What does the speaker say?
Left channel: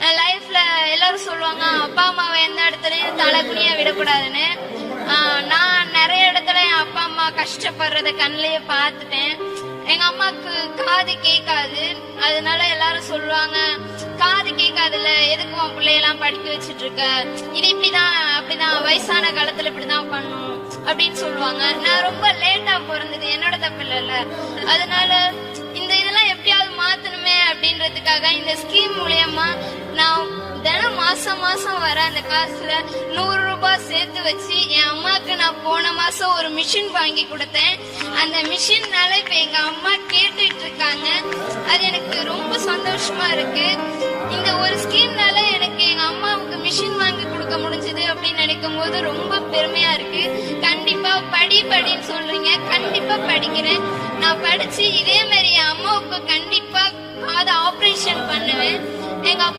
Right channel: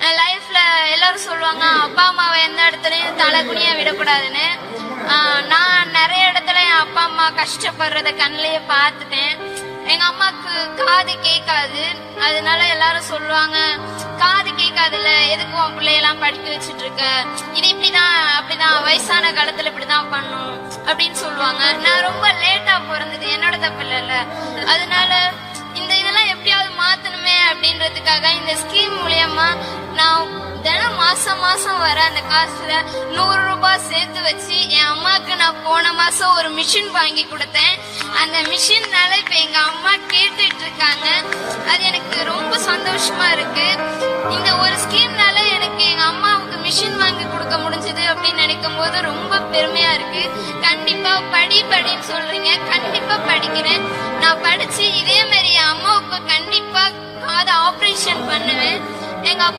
லைஃப்ல எல்லாரும் சொல்லுவாங்க அப்பா அம்மாவை எந்த இடத்துலயும் தலை விடக்கூடாதுன்னு. நான் நிறைய இடத்துல என் அப்பா அம்மா கஷ்டப்படுறத கண்ணிலேயே பார்த்துட்டேன். எங்க அம்மாக்கு காது கேட்காது. அதனால எல்லாரும் சொல்லுவாங்க காது கேட்காதுல்ல எதுக்கு உன் பிள்ளையெல்லாம் படிக்க வச்சிட்டு இருக்க இது இப்படிதான் அப்படிதான் வயசான காலத்துல இப்படிதான் பண்ணும். அப்படின்னு சொல்லுவாங்க. நான் ரொம்ப லேட்டா பிறந்தது என்னோட தப்பு இல்ல அதனால இந்த இதெல்லாம் எப்படியாவது மாத்தணுமே அப்படின்றதுக்காக இந்த ஸ்கீம் மூலியமா நான் தினம் மாசம் மாசம் வர அந்த காசுல நூறு ரூபாய் சேர்த்து வச்சு என் அம்மாக்கு நான் போன மாசம் ஒரு மிஷின் வாங்கி கொடுத்தேன். அந்த மிஷின்னால இப்ப எங்க அம்மா கேட்டுட்டு இருக்காங்க அது எனக்கு ரொம்ப சந்தோஷமா இருக்கு. இந்த ஒரு ஸ்கீம்னால எனக்கு எங்க அம்மாவுக்கு மிஷின் வாங்கி கொடுக்க முடிஞ்சது அப்படின்னு நினைக்கும் போது ரொம்ப பெருமையா இருக்கு. கண்டிப்பா படி படின்னு சொல்றீங்க. கண்டிப்பா படிக்கிறேன். நான் படிச்சு இதே மாதிரி என் அம்மாவுக்கு கண்டிப்பா காது ஆபரேஷன் பண்ணுவேன். எங்க